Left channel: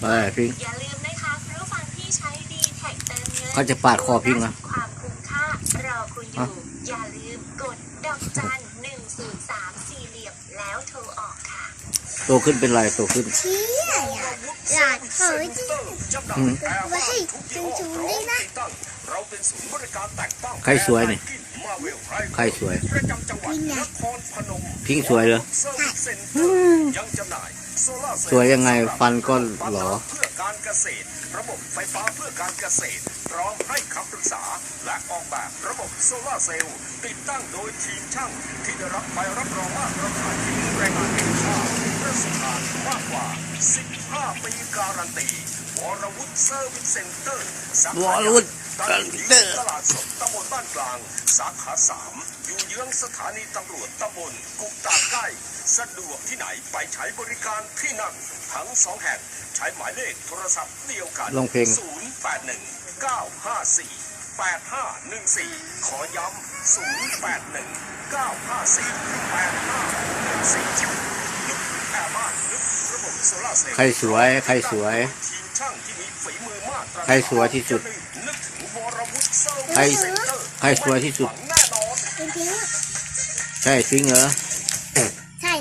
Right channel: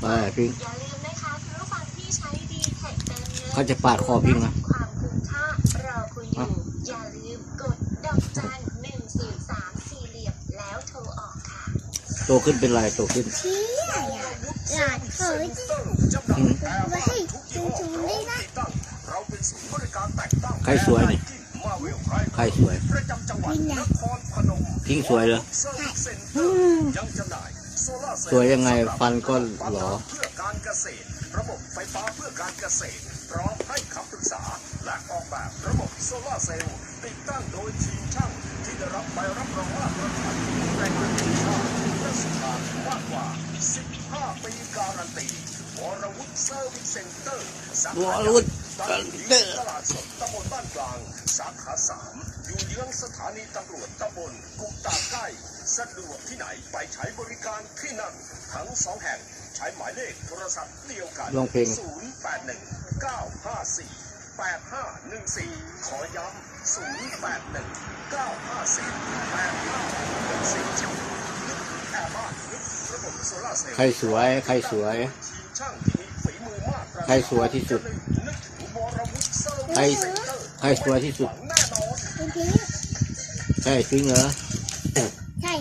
ไปพิงอย่าลืมนะคะคุณผู้ฟังที่ใช้ดีแท็กเติมเงินเขาจะปาดคอพิงนะความคุ้มค่ารอคุณอยู่อย่าลืมกดดอกจันหนึ่งศูนย์สามสี่เหลี่ยมแล้วโทรออกค่ะโตขึ้นเป็นไรโตขึ้นเชี่ยอะหลานเขาจริงอืมไว้ให้จุงๆด้วยนะใครสวยนี่ใครสวยคุณไงพิงสวยเหรอใช่ สวยยังไงฟันก็หรอเพื่อการเกษตร ระบบไฟฟ้าเพื่อการเกษตร พร้อมให้คำปรึกษา และออกแบบระบบโซลาเซลล์ติดตั้งโดยทีมช่างที่ได้รับใบรับรองว่าตรฐานที่แรงงานค่าเพื่อสถานมากกว่า 15 ปีการันตีวรวุฒิเซอร์วิสเซ็นเตอร์สาขาวรวุฒิตั้งอยู่เซ็นเตอร์ที่ตลาดสดตำบลบ้านกลาง สาขาสามอยู่เยื้องสถานีตำรวจตำบลกุกตาใกล้สะดวกที่ไหนไปใช้บริการที่นั่นทั้งสองแห่งใช้หมายเลขโทรศัพท์เดียวกันลงเพลง081 954 8514 ขอย้ำ 081 954 8514 ใครสวย ใครสวย ใครสวยที่สุด ใครใครสวยที่สุด ใช่จริงเหรอ ใช่